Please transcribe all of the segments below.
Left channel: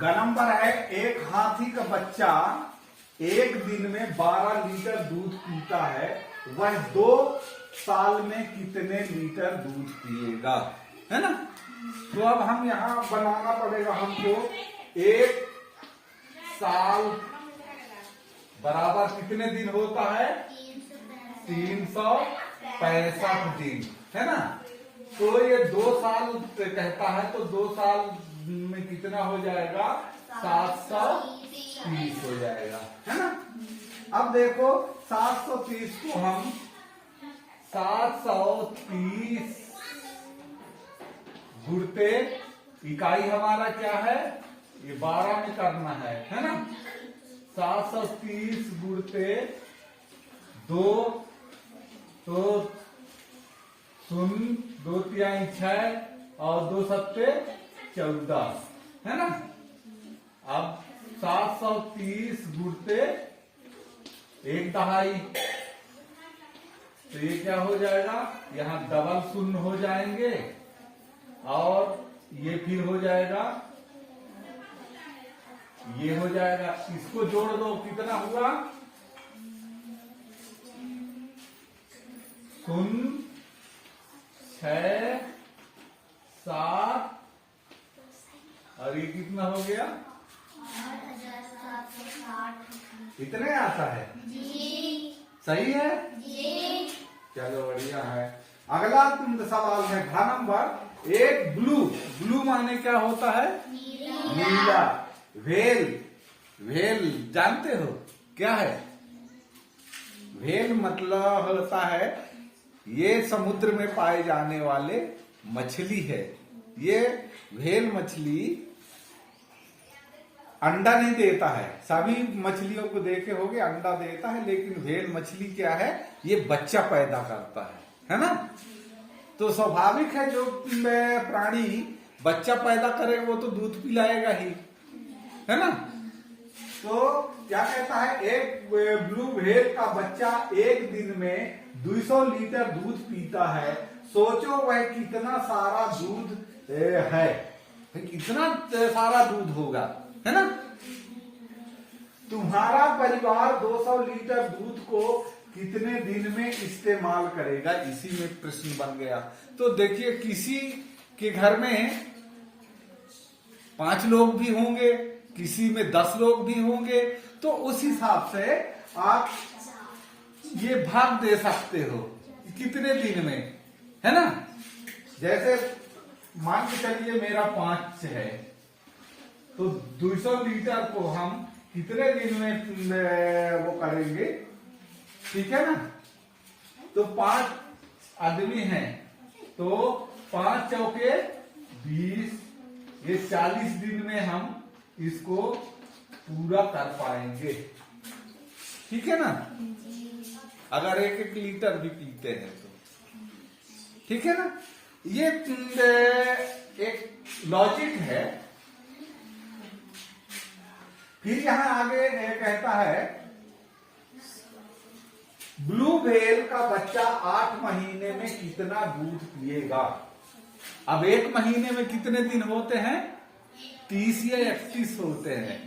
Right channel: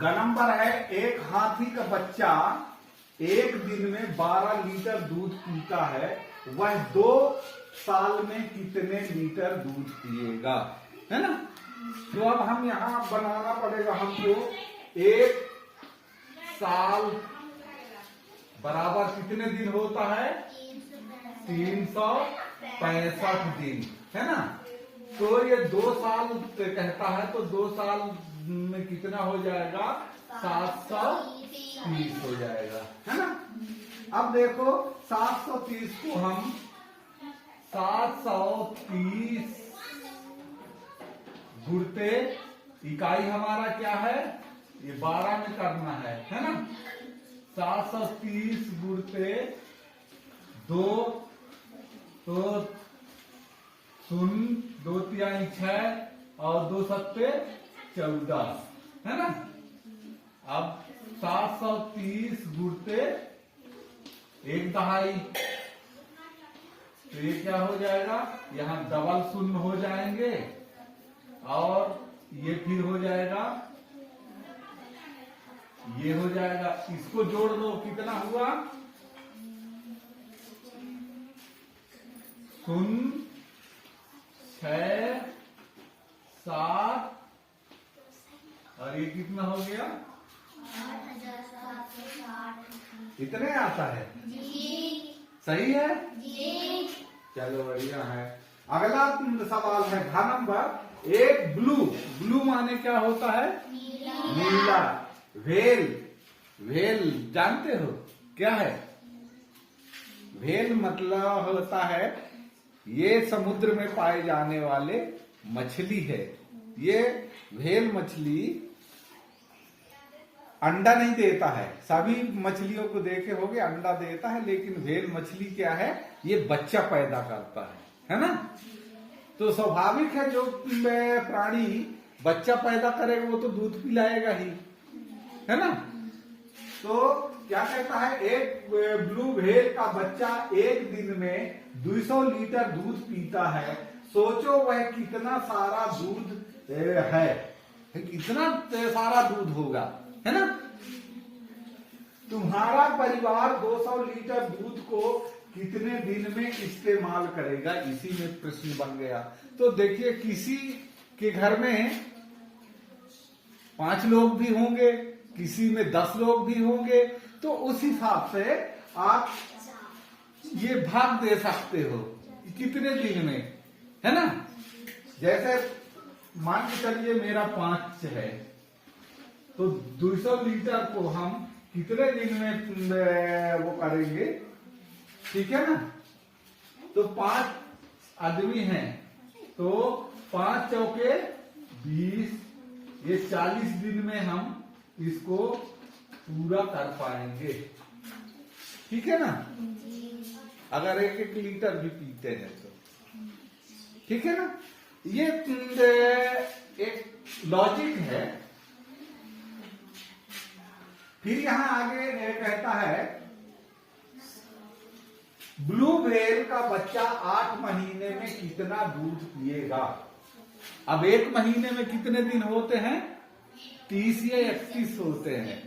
ग नंबर है, एक हाथी का बच्चा एक दिन में 12 लीटर दूध पीता है, वह 2 साल में कितने लीटर दूध पिएगा, है ना। तो अब हम यहां बनाना पड़ेगा हमको, 1 साल बराबर कितने दिन होता है, 365 दिन, है ना। तो ये 2 साल कहता है, तो 2 साल में कितना हो जाएगा, 730 हो जाएगा, है ना। अब देखो 730 को हम 730 गुणते, इकाई हमारा क्या है, ये 12 में करना है ना। 730 गुणते 2, तो 0, 2 तिहाई 6 और 2 सत्ते 14, है ना। अब 730 गुणते 1 दहाई, तो ये क्या हो जाएगा, यहाँ डबल 0 हो जाएंगे और ये फिर हो जाएगा, ये हो जाएगा, इसको जोड़ दो, कितना हुआ, 0, 6, 7 और ये कितना हो गया, 8760। इतने आता है जी। सही है जी। चलो बढ़िया है। अगला सवाल है घ नंबर, एक ब्लू माने क्या होता है, नीला। व्हेल जानते हो क्या है, व्हेल मतलब होता है, ये समुद्र में पाए जाने वाले मछली है। ये व्हेल मछली अंडा नहीं देता है, सभी मछलियों को देखे होगे अंडा देता है, लेकिन व्हेल मछली क्या है, ये बच्चा पैदा करता है ना। तो स्वाभाविक है, जो प्राणी बच्चा पैदा करे वो तो दूध पिलाएगा ही, है ना। तो क्या कहता है, एक ब्लू व्हेल का बच्चा एक दिन में 200 लीटर दूध पीता है, सोचो वह कितना सारा दूध है, कितना सारा दूध होगा, है ना। तुम्हारा परिवार 200 लीटर दूध को कितने दिन में इस्तेमाल करेगा, इसी में प्रश्न बन गया। तो देखिए, किसी के घर में 5 लोग भी होंगे, किसी में 10 लोग भी होंगे, तो उस हिसाब से आप ये भाग दे सकते हो कितने दिन में, है ना। जैसे मान के चलिए मेरा 5 है, तो 200 लीटर को हम कितने दिन में वो करेंगे, ठीक है ना। तो 5 आदमी हैं, तो 5 चौके 20, ये 40 दिन में हम इसको पूरा कर पाएंगे, ठीक है ना। अगर 1-1 लीटर भी पीते हैं तो, ठीक है ना। ये एक लॉजिक है। फिर यहां आगे कहता है, ब्लू व्हेल का बच्चा 8 महीने में कितना दूध पिएगा। अब 1 महीने में कितने दिन होते हैं, 30 या 31 होते हैं,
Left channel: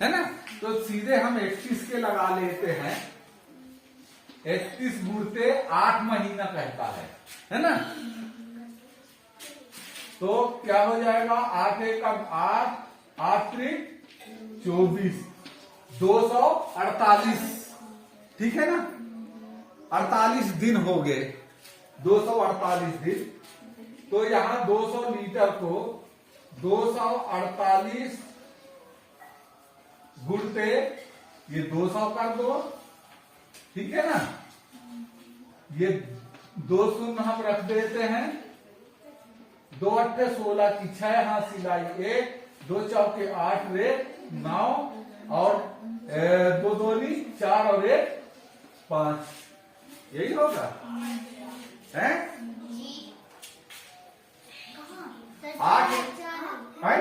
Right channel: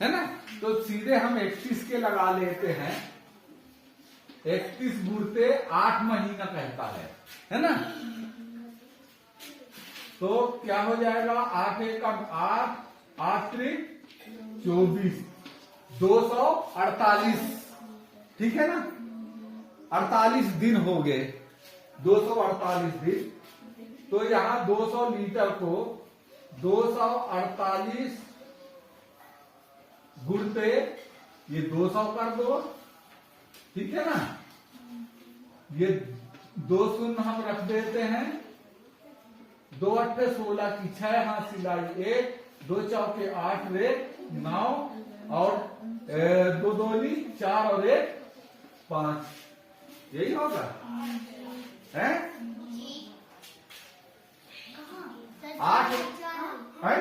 है ना। तो सीधे हम 31 के लगा लेते हैं, 31 गुणते 8 महीना कहता है ना। तो क्या हो जाएगा, 8 एकम 8, 8 त्रिक 24, 248, ठीक है ना। 48 दिन हो गए, 248 दिन। तो यहां 200 लीटर को 248 गुणते ये 200 कर दो, ठीक है ना। ये 2 शून्य हम रख देते हैं, 2 8 16 की 6 हाथ सिलाई 1, 2 चौके 8 रे 9 और 2 दूनी 4 और 1 5, यही होगा, है 8 है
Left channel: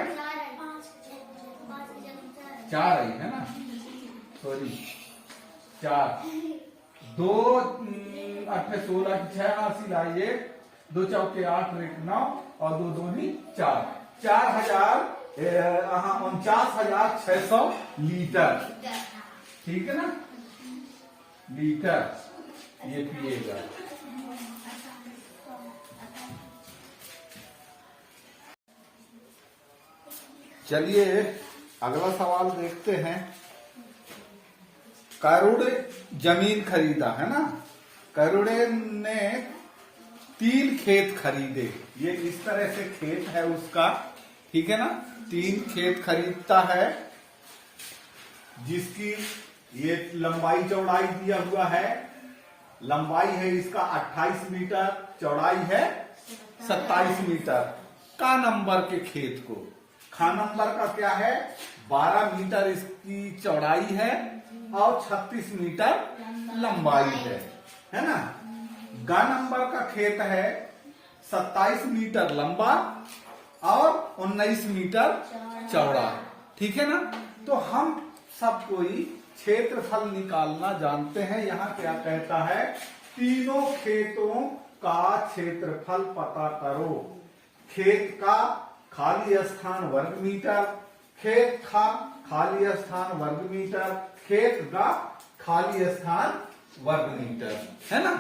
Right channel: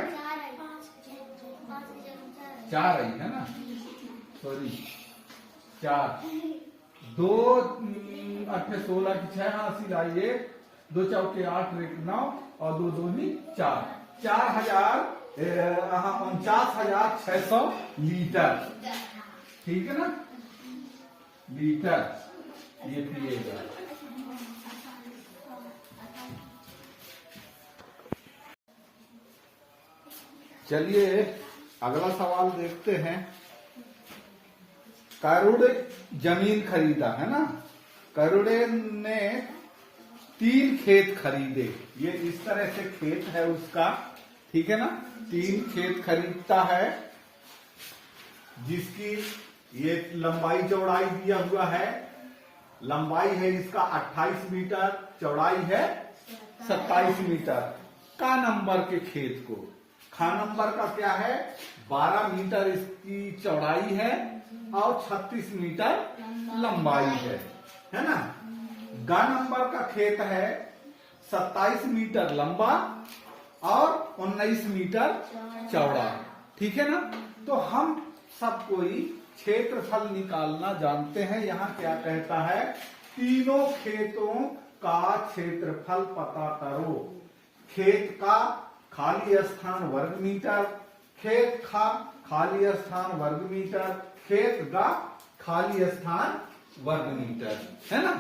4 ही है ना, सॉरी 4, 2 8 16 की 6 हाथ सिलाई 1, 2 चौके 8 रे 9 और 2 दूनी 4, 4000 49,600 लीटर, ठीक है ना, लीटर ये पिएगा। चलिए अगला सवाल देखते हैं। करुड़ जमीन खरीदा, है ना, करुड़े ने 3 खेत खरीदे। ये इस तरह से खेत है उसका, ठीक है ना, 3 खेत खरीदता है, जिसकी ये लंबाई चौड़ाई दिया हुआ है। लंबाई है इसका 28 मीटर, चौड़ाई है 27 मीटर। का नंबर के खेत को, खा नंबर का क्या है, 12 मीटर इसकी चौड़ाई है और 36 मीटर लंबाई है ना। गा नंबर का खेत है 27 मीटर लंबा और 19 मीटर चौड़ा, ठीक है ना। तो हम सब कोई क्षेत्रफल निकालना जानते हैं। यहाँ क्या कहता है, तीनों खेतों का क्षेत्रफल पता करो। खेत का खाली स्थान वर्ग मीटर, खेत का खाली स्थान वर्ग मीटर, खेत का खाली स्थान वर्ग मीटर, है ना।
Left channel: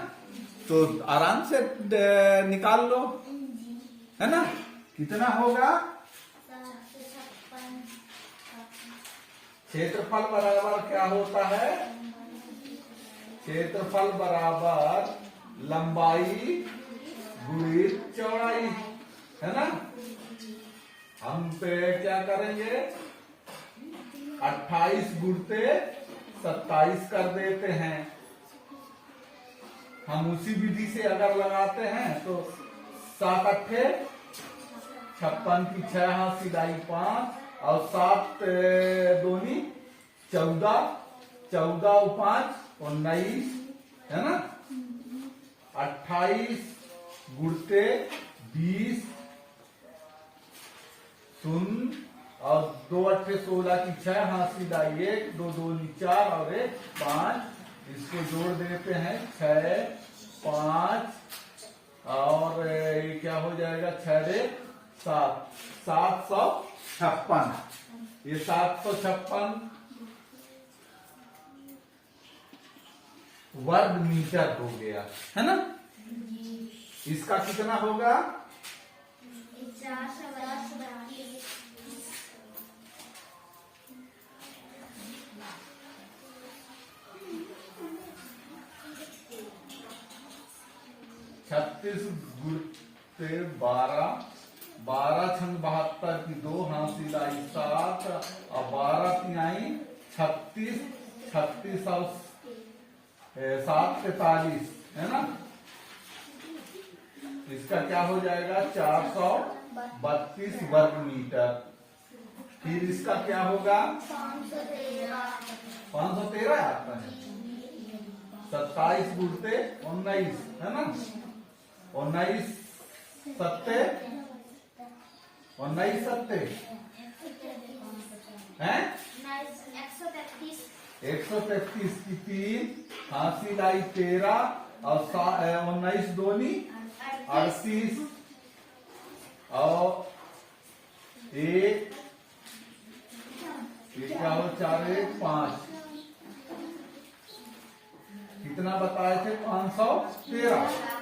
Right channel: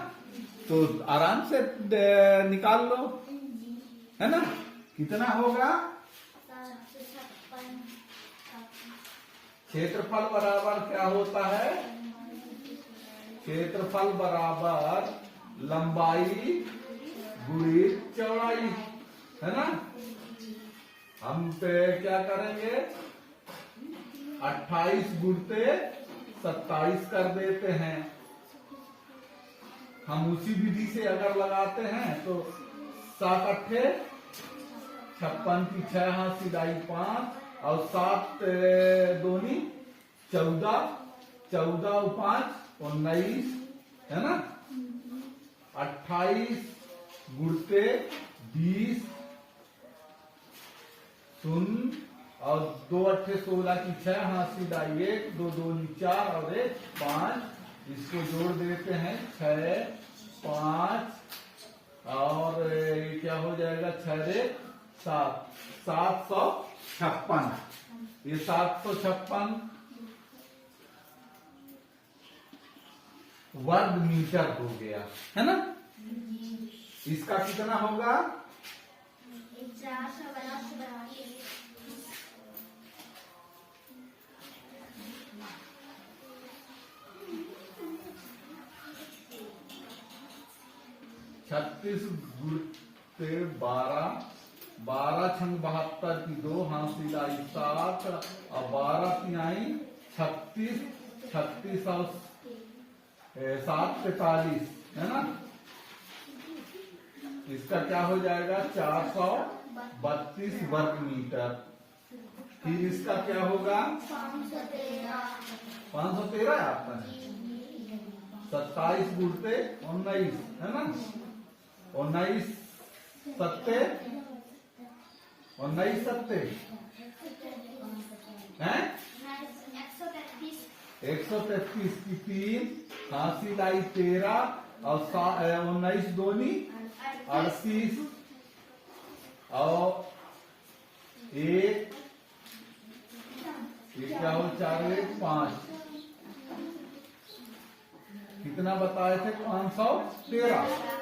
तो आराम से निकाल लो, है ना। कितना होगा, क्षेत्रफल बराबर क्या होता है, क्षेत्रफल बराबर लंबाई गुणित चौड़ाई, है ना। हम पे क्या करेंगे, 28 गुणते 27 कर देते हैं। हम उसी विधि से अगर लगाते हैं तो 7 अट्ठे 56 की 6 हाथ सिलाई 5 और 7 दूनी 14, 14 और 5 19, है ना। 28 गुणते 20 शून्य और 2 अट्ठे 16 की 6 हाथ सिलाई 1, 2 दूनी 4 और 1 5, इसको जोड़ देते हैं 6 5 और ये क्या हो जाएगा, 6 रे 7, 756। ये 756 वर्ग मीटर हो गया, है ना। इसका कितना होगा, 36 गुणते 12, 12 छंग 72 की 2 हाथ सिलाई 7 और 12 तिहाई 36, 36 और 7 43, है ना। इसका क्या हो जाएगा, 432 वर्ग मीटर। फिर इसका क्या होगा, 513 आता है, 27 गुणते 19, है ना, 19 सत्ते 19 सत्ते हैं 133 की 3 हाथी लाई 13 और 19 दूनी 38 और 1 क्या हो 4 1 5, कितना बताए थे, 513।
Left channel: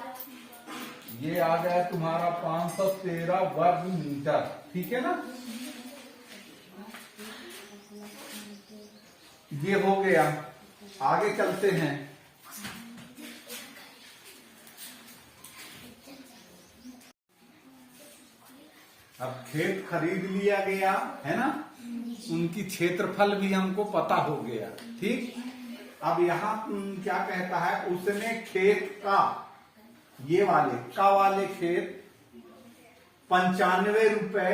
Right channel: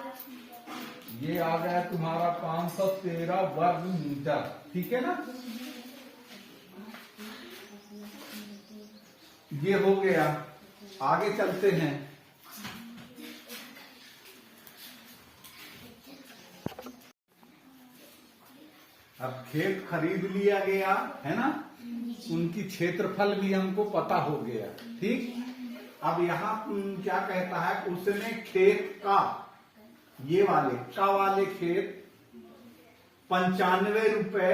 ये आ गया तुम्हारा 513 वर्ग मीटर, ठीक है ना। ये हो गया, आगे चलते हैं। अब खेत खरीद लिया गया, है ना, उनकी क्षेत्रफल भी हमको पता हो गया, ठीक। अब यहाँ क्या कहता है, उसने खेत का, ये वाले का वाले खेत 95 रुपए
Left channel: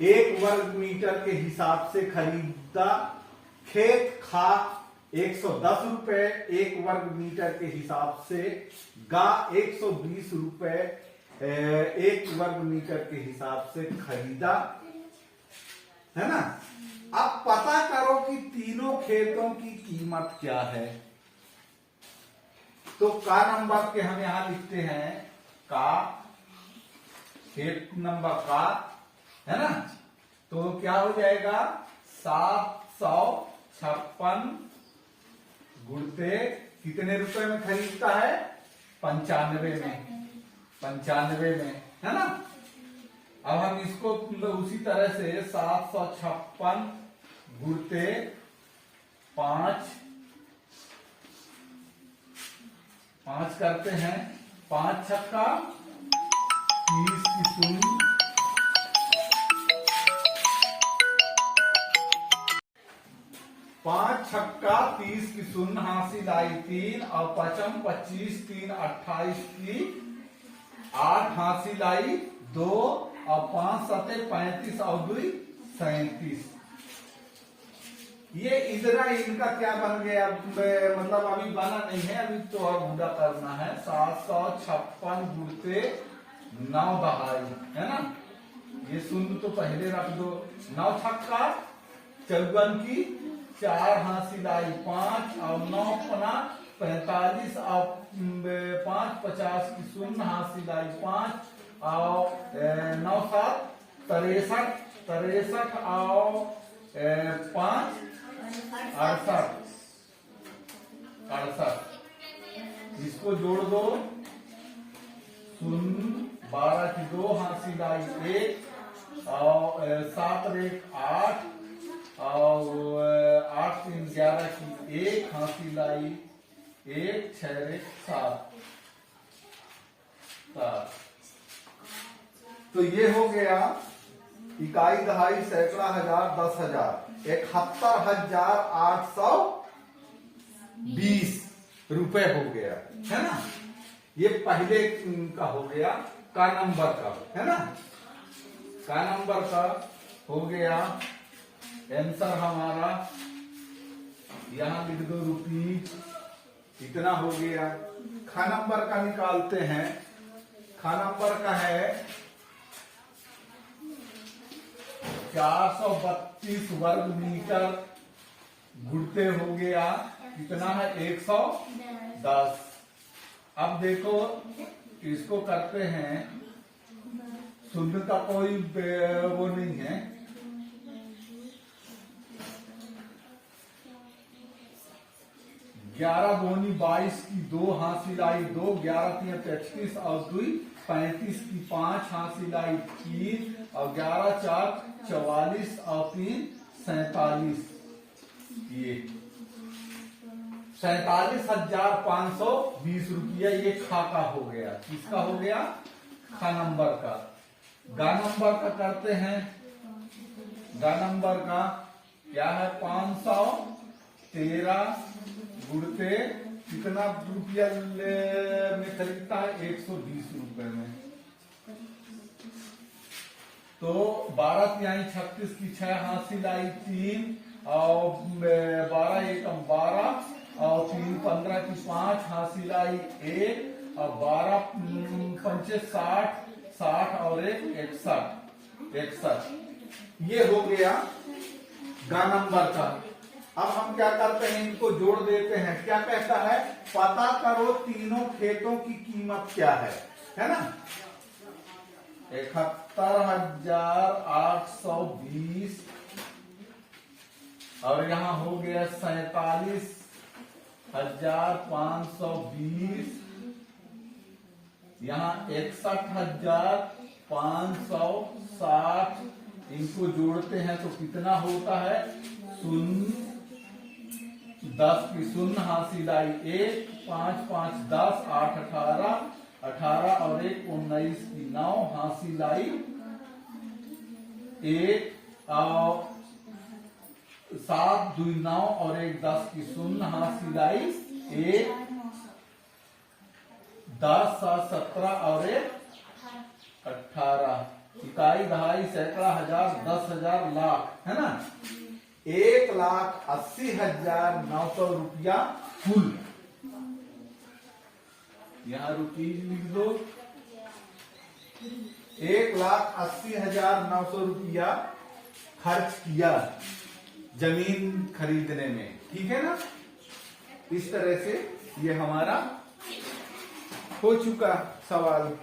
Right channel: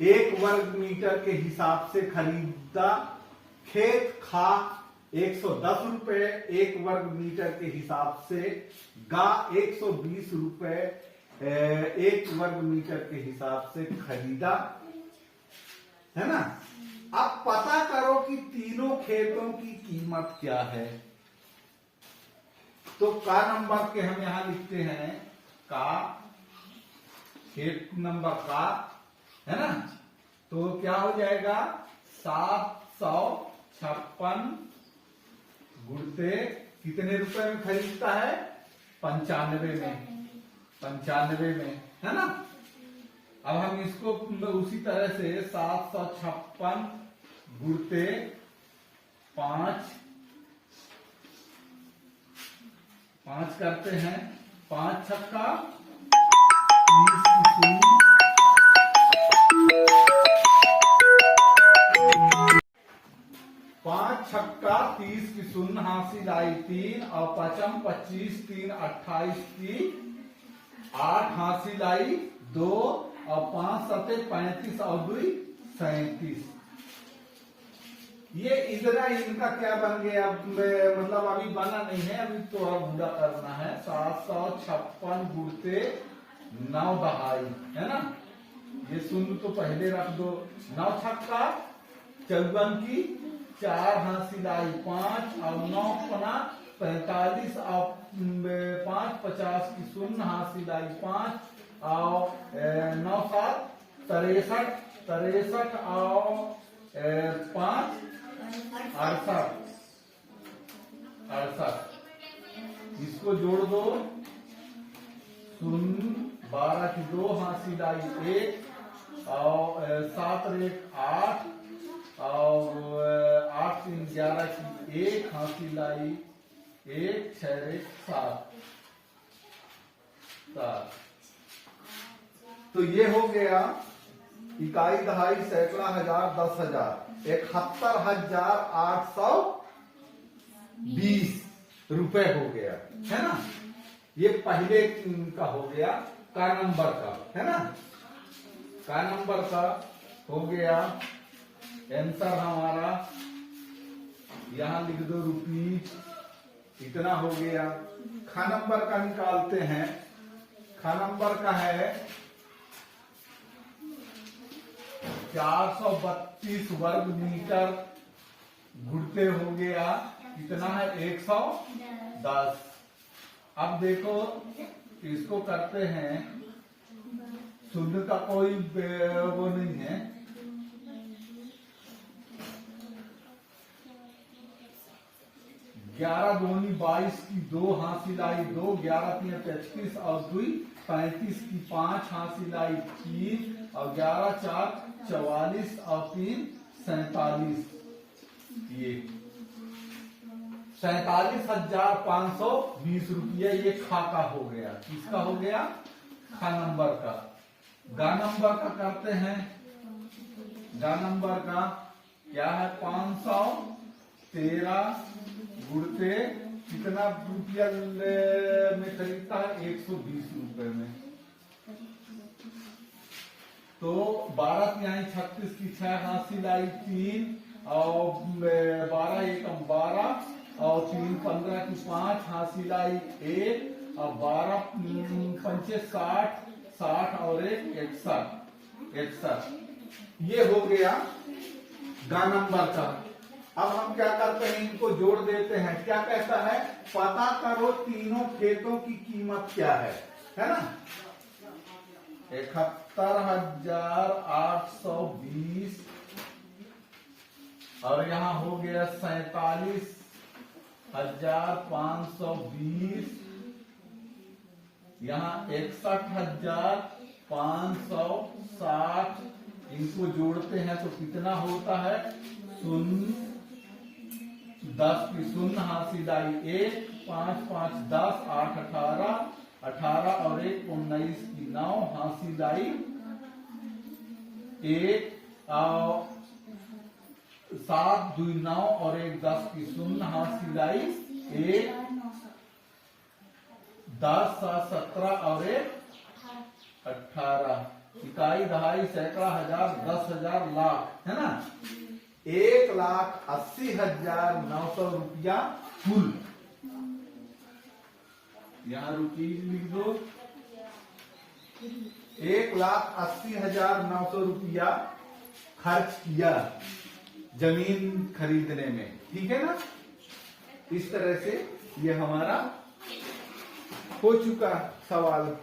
1 वर्ग मीटर के हिसाब से खरीदा। खेत खा 110 रुपए 1 वर्ग मीटर के हिसाब से, गा 120 रुपए 1 वर्ग मीटर के हिसाब से खरीदा, है ना। अब पता करो कि तीनों खेतों की कीमत क्या है। तो का नंबर के हम यहां लिखते हैं, का खेत नंबर का, है ना, तो क्या हो जाएगा 756 गुणते कितने रुपए में खरीदता है 95 में, है ना। अब हम इसको उसी तरह से 756 गुणते 5 करते हैं। 5 छक्का 30 की शून्य, 5 छक्का 30 की शून्य हासिल आई 3 और 5 25 3 28 की 8 हासिल आई 2 और 5 7 35 और 2 37। ये इधर इनका क्या बन गया, मतलब अभी बना नहीं है, अभी तो और पूरा करना है। 756 गुणते 9 दहाई, है ना। ये शून्य तो पहले रख दो। 9 छक्का 54 की 4 हासिल आई 5 और 9 पना 45 और 5 50 की शून्य हासिल आई 5 और 9 7 63 और 5 68। इसको जोड़ दो। 0 12 की 2 हासिल आई 1 और 7 रेख 8 और 8 3 11 की 1 हासिल आई 1 6 रेख 7। तो ये हो गया इकाई दहाई सैकड़ा हजार 10,000 71,820 रुपए हो गया, है ना। ये पहले का हो गया का नंबर का, है ना। का नंबर का हो गया आंसर हमारा, यहां लिख दो रुपीज, इतना हो गया। खा नंबर का निकालते हैं। खा नंबर का है 432 वर्ग मीटर गुणते हो गया कितना है 110। अब देखो इसको करते हैं, शून्य का कोई वो नहीं है। 11 दूनी 22 की 2 हासिल आई 2, 11 3 35 और 2 35 की 5 हासिल आई 3 और 11 4 44 और 3 47। ये 47,520 रुपया ये खा का हो गया। किसका हो गया? खा नंबर का। गा नंबर का करते हैं। गा नंबर का क्या है? 513 गुणते कितना रुपया में खरीदता है? 120 रुपए में। तो 12 तिहाई 36 की 6 हासिल आई 3 और 12 एकम 12 और 3 15 की 5 हासिल आई 1 और 12 पंचे 60 और 1 61। ये हो गया गा नंबर का। अब हम क्या करते हैं, इनको जोड़ देते हैं। क्या कहता है? पता करो तीनों खेतों की कीमत क्या है ना। 71,820 और यहाँ हो गया 47,520, यहाँ 61,560। इनको जोड़ते हैं तो कितना होता है? 10 की 0 हासिल आई 1, 5 5 10, 8 18 और 1 19 की 9 हासिल आई 1 और 7 2 9 और 1 10 की 0 हासिल आई 1, 10 7 17 और 1 18। इकाई दहाई सैकड़ा हजार 10,000 लाख, है ना। 1,80,900 रुपया कुल। यहाँ रुपीज लिख दो। 1,80,900 रुपया खर्च किया जमीन खरीदने में, ठीक है ना। इस तरह से ये हमारा हो चुका सवाल।